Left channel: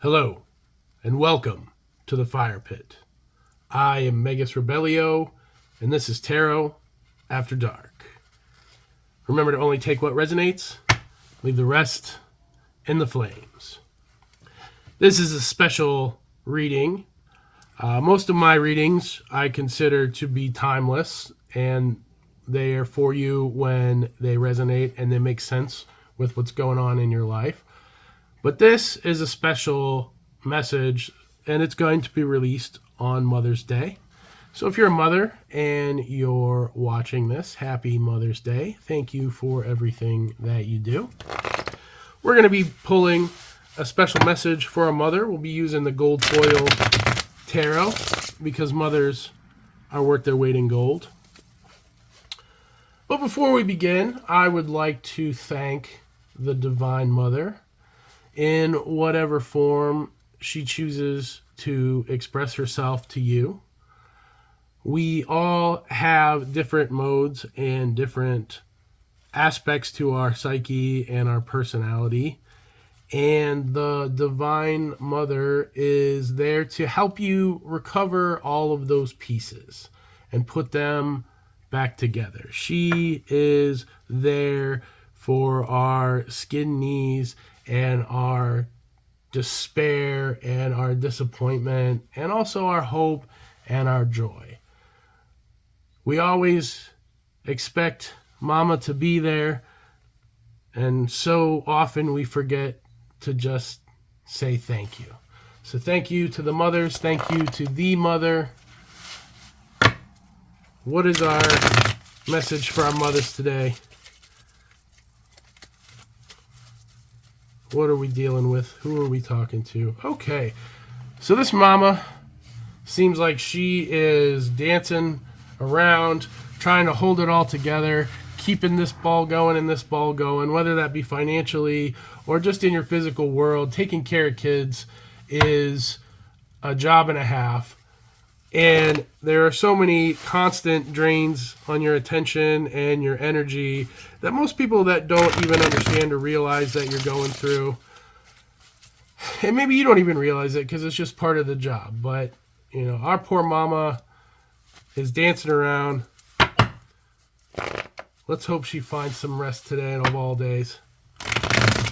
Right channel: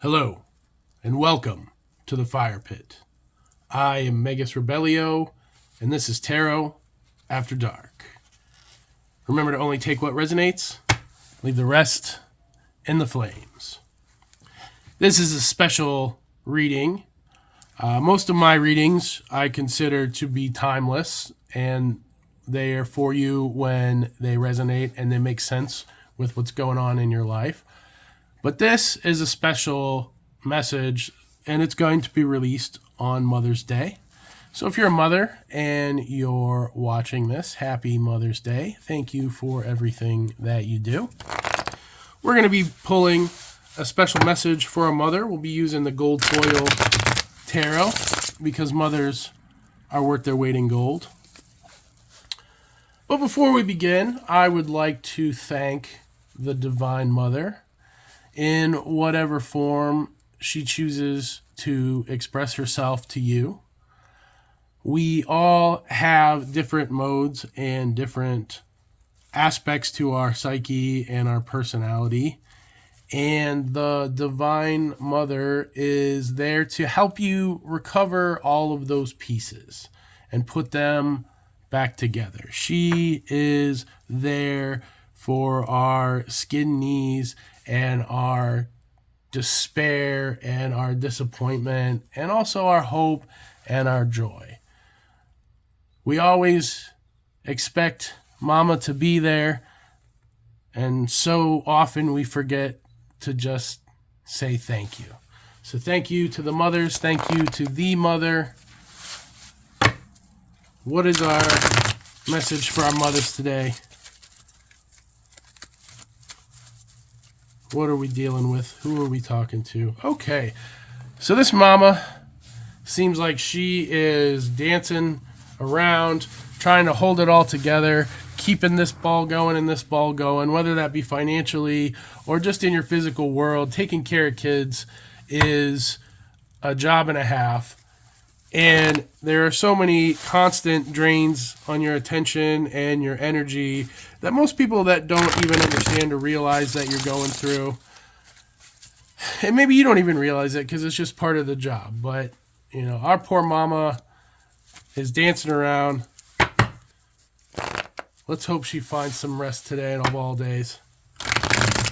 Hello, and welcome to the Fire Pit. I am Megas Rebellio, and this is Tarot After Dark. Remember to only take what resonates, leave the rest in the flames. This is a special reading. Most of my readings I consider to be timeless, and they are for you when they resonate and they make sense with what's going on in your life. But this is a special message, and it's going to be released on Mother's Day. So if you're a mother and you're watching this, happy Mother's Day. Thank you for everything that you do. We're going to be pulling a special message for a mother. We'll be using the gold foil tarot because mothers are worth their weight in gold. But before we begin, I would like to thank the Divine Mother in whatever form she chooses to express herself to you. We all have different modes and different aspects to our psyche and our personality. And the Divine Mother is there to help you recover all of those pieces and put them back together. She is there for our skin knees and our despair and our disappointment and also our hope and our joy. We always expect Mama to be there, and so often we forget to just say thank you. So thank you to the mothers. Thank you to the mother. What is our message for our mothers today? What are we dealing with? Who are we talking to? Okay, so this mama seems like she is dancing around, trying to hold it all together, keeping this ball going and this ball going, whether that be financially or just in your physical world. Taking care of kids is a job and a half. And there are so many constant drains on your attention and your energy that most people that don't even understand or realize that you're going through. And maybe you don't even realize it because it's just part of the job. But, you know, our poor mama is dancing around. Let's hope she finds some rest today of all days.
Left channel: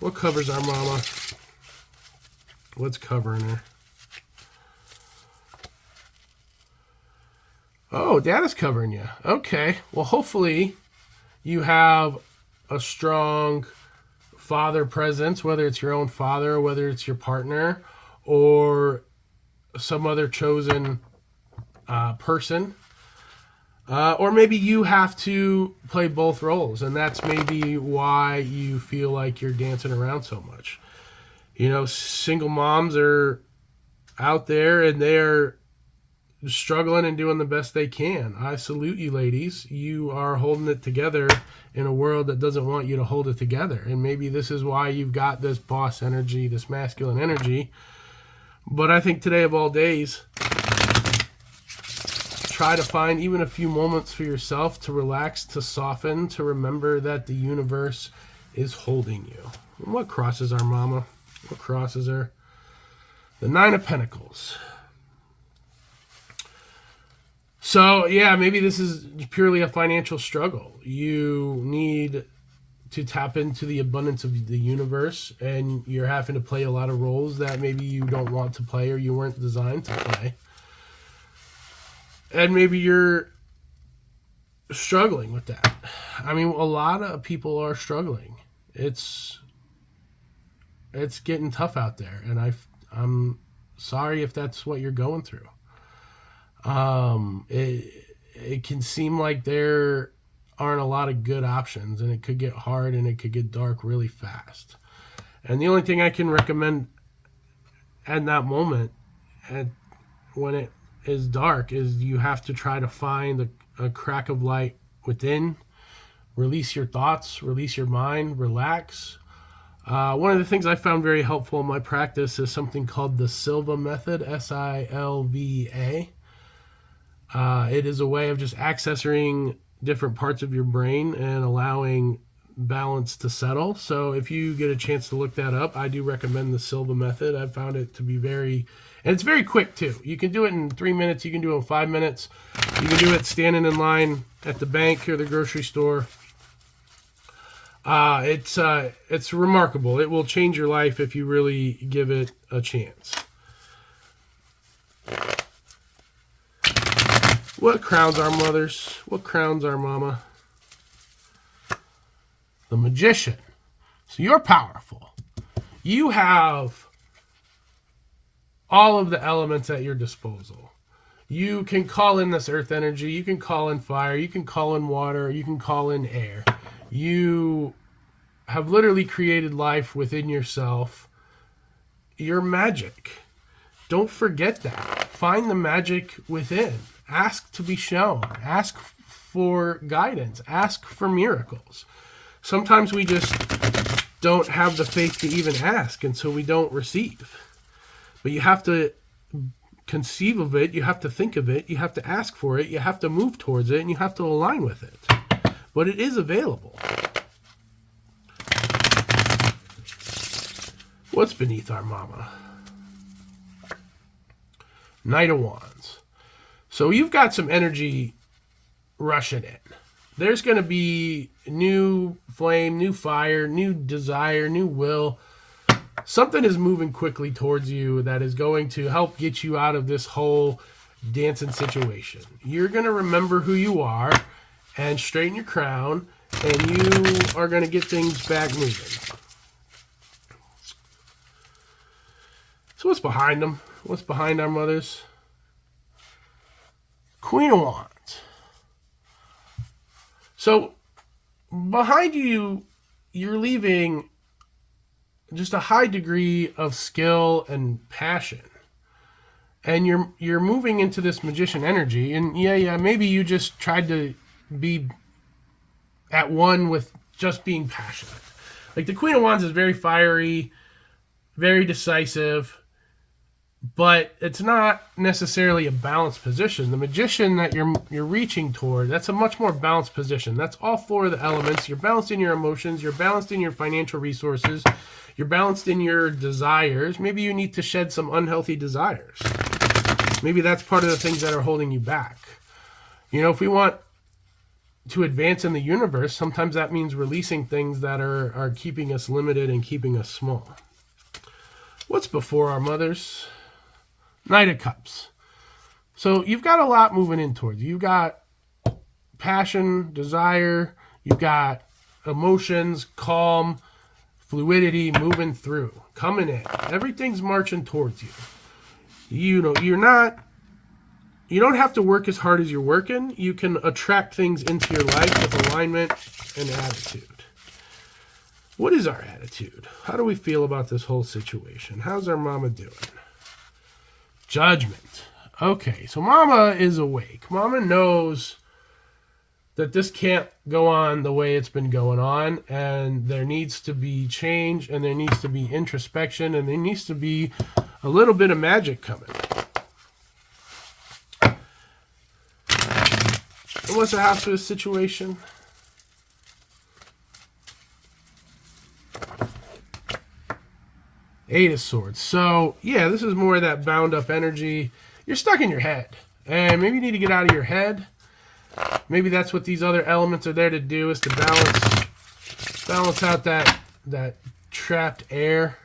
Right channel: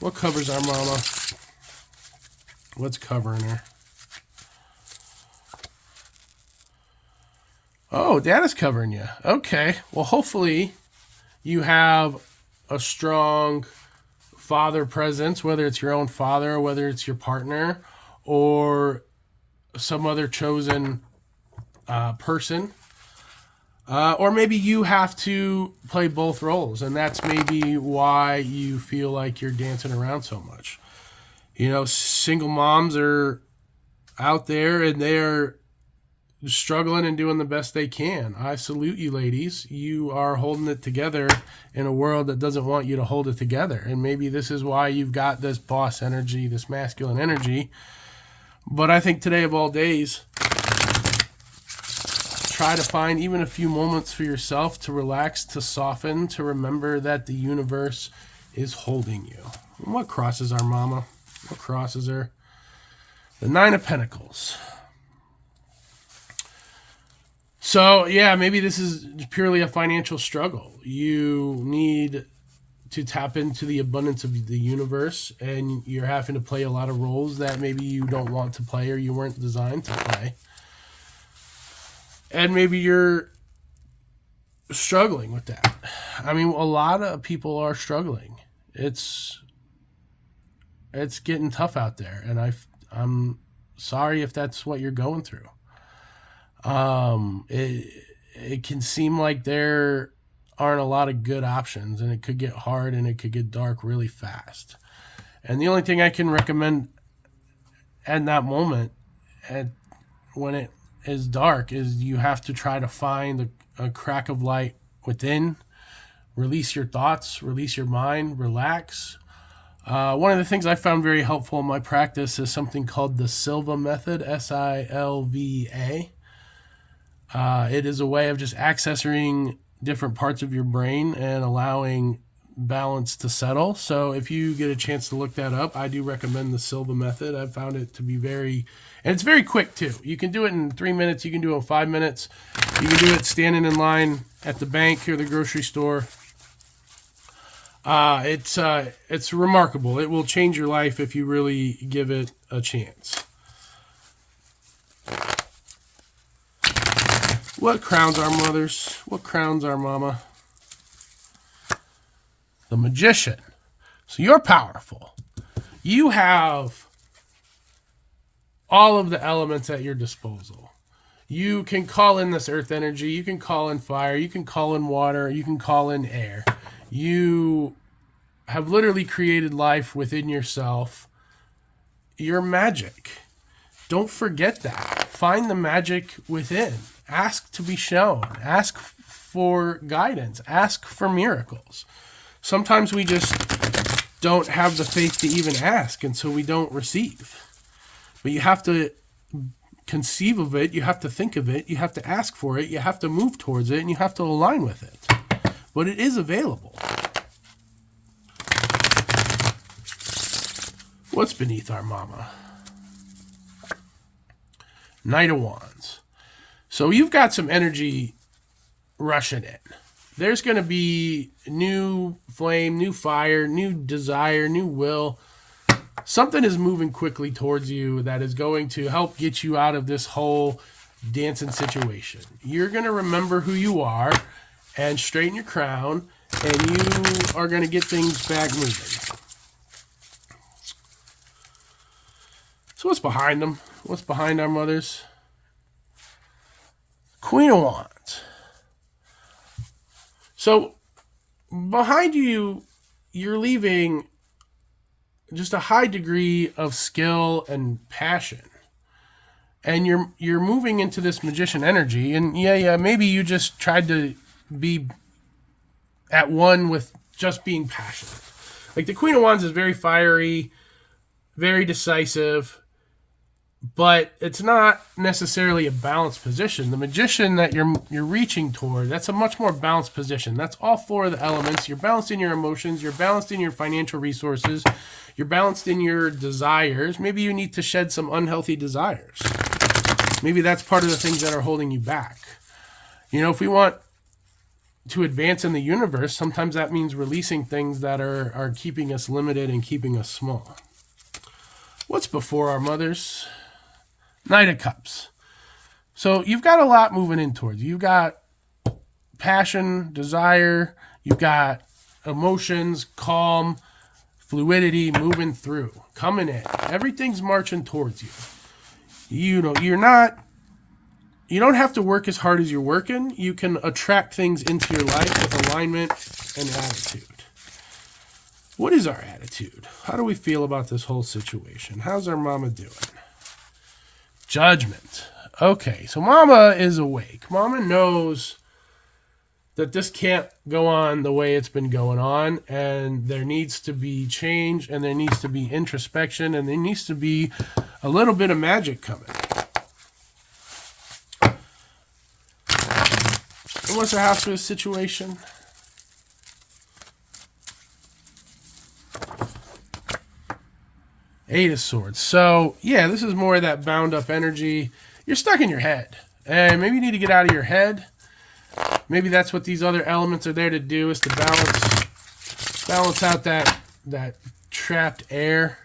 What covers our mama? What's covering her? Oh, Dad is covering you. Okay. Well, hopefully you have a strong father presence, whether it's your own father, or whether it's your partner, or some other chosen person. Or maybe you have to play both roles, and that's maybe why you feel like you're dancing around so much. You know, single moms are out there, and they're struggling and doing the best they can. I salute you, ladies. You are holding it together in a world that doesn't want you to hold it together. And maybe this is why you've got this boss energy, this masculine energy. But I think today of all days, try to find even a few moments for yourself to relax, to soften, to remember that the universe is holding you. And what crosses our mama? What crosses her? The Nine of Pentacles. So, yeah, maybe this is purely a financial struggle. You need to tap into the abundance of the universe, and you're having to play a lot of roles that maybe you don't want to play or you weren't designed to play. And maybe you're struggling with that. I mean, a lot of people are struggling. It's getting tough out there, and I'm sorry if that's what you're going through. It can seem like there aren't a lot of good options, and it could get hard and it could get dark really fast. And the only thing I can recommend at that moment, when it is dark, is you have to try to find a crack of light within. Release your thoughts, release your mind, relax. One of the things I found very helpful in my practice is something called the Silva method, Silva. It is a way of just accessing different parts of your brain and allowing balance to settle. So if you get a chance to look that up, I do recommend the Silva method. I've found it to be and it's very quick too. You can do it in 3 minutes. You can do it in 5 minutes. You can do it standing in line at the bank or the grocery store. It's remarkable. It will change your life if you really give it a chance. What crowns our mothers? What crowns our mama? The Magician. So you're powerful. You have all of the elements at your disposal. You can call in this earth energy. You can call in fire. You can call in water. You can call in air. You have literally created life within yourself. You're magic. Don't forget that. Find the magic within. Ask to be shown. Ask for guidance. Ask for miracles. Sometimes we just don't have the faith to even ask, and so we don't receive. But you have to conceive of it. You have to think of it. You have to ask for it. You have to move towards it, and you have to align with it. But it is available. What's beneath our mama? Knight of Wands. So you've got some energy rushing in. There's going to be new flame, new fire, new desire, new will. Something is moving quickly towards you that is going to help get you out of this whole dancing situation. You're going to remember who you are and straighten your crown, and you are going to get things back moving. So what's behind them? What's behind our mothers? Queen of Wands. So behind you, you're leaving just a high degree of skill and passion. And you're moving into this magician energy. And maybe you just tried to be at one with just being passionate. Like the Queen of Wands is very fiery, very decisive, but it's not necessarily a balanced position. The magician that you're reaching toward, that's a much more balanced position. That's all four of the elements. You're balanced in your emotions. You're balanced in your financial resources. You're balanced in your desires. Maybe you need to shed some unhealthy desires. Maybe that's part of the things that are holding you back. You know, if we want to advance in the universe, sometimes that means releasing things that are keeping us limited and keeping us small. What's before our mothers? Knight of Cups. So you've got a lot moving in towards you. You've got passion, desire. You've got emotions, calm, fluidity, moving through, coming in. Everything's marching towards you. You know, you don't have to work as hard as you're working. You can attract things into your life with alignment and attitude. What is our attitude? How do we feel about this whole situation? How's our mama doing? Judgment. Okay, so mama is awake. Mama knows that this can't go on the way it's been going on, and there needs to be change, and there needs to be introspection, and there needs to be a little bit of magic coming. What's the house with situation? Eight of Swords. So, yeah, this is more of that bound up energy. You're stuck in your head. And maybe you need to get out of your head. Maybe that's what these other elements are there to do, is to balance out that trapped air.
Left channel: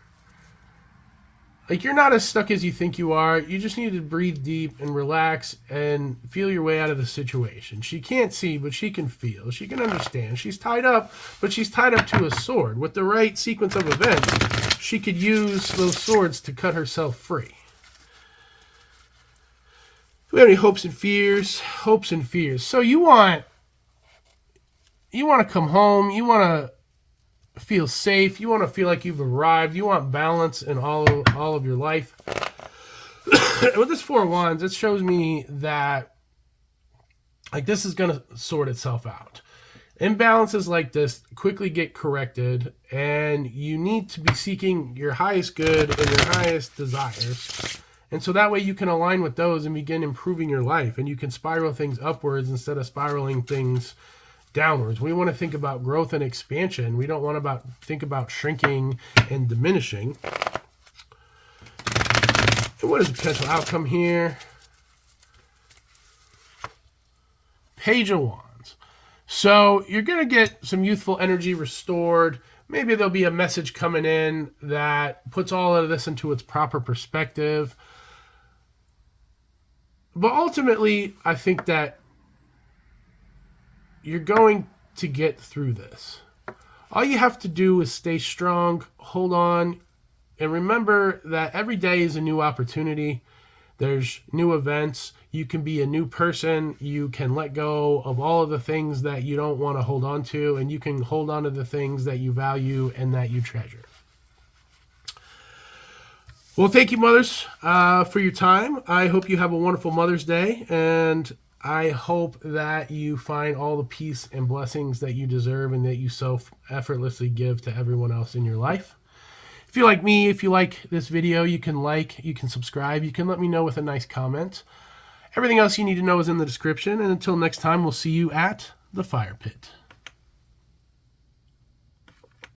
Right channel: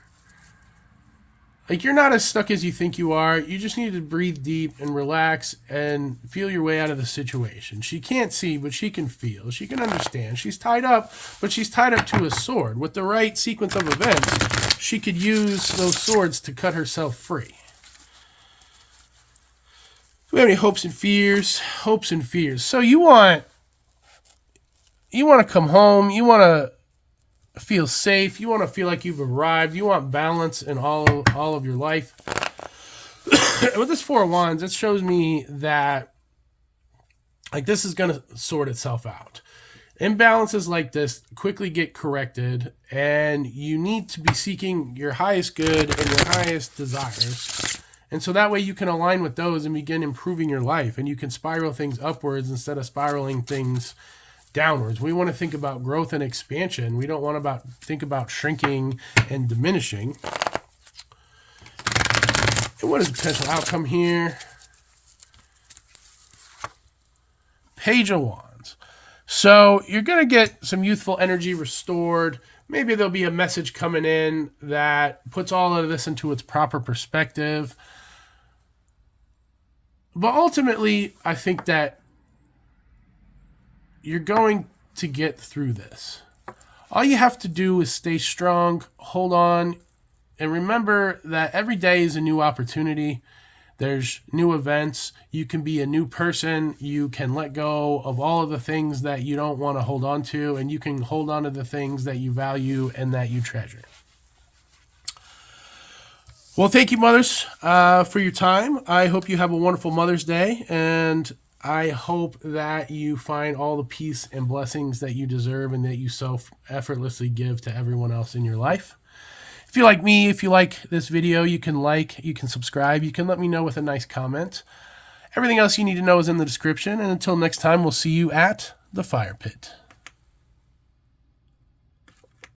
Like, you're not as stuck as you think you are. You just need to breathe deep and relax and feel your way out of the situation. She can't see, but she can feel. She can understand. She's tied up, but she's tied up to a sword. With the right sequence of events, she could use those swords to cut herself free. Do we have any hopes and fears? Hopes and fears. So you want to come home. You want to feel safe. You want to feel like you've arrived. You want balance in all of your life. With this Four of Wands, it shows me that like this is going to sort itself out. Imbalances like this quickly get corrected, and you need to be seeking your highest good and your highest desires. And so that way you can align with those and begin improving your life, and you can spiral things upwards instead of spiraling things downwards. We want to think about growth and expansion. We don't want to think about shrinking and diminishing. And what is the potential outcome here? Page of Wands. So you're going to get some youthful energy restored. Maybe there'll be a message coming in that puts all of this into its proper perspective. But ultimately, I think that you're going to get through this. All you have to do is stay strong, hold on, and remember that every day is a new opportunity. There's new events. You can be a new person. You can let go of all of the things that you don't want to hold on to, and you can hold on to the things that you value and that you treasure. Well, thank you, mothers, for your time. I hope you have a wonderful Mother's Day, and I hope that you find all the peace and blessings that you deserve and that you so effortlessly give to everyone else in your life. If you like me, if you like this video, you can subscribe, you can let me know with a nice comment. Everything else you need to know is in the description, and until next time, we'll see you at the fire pit.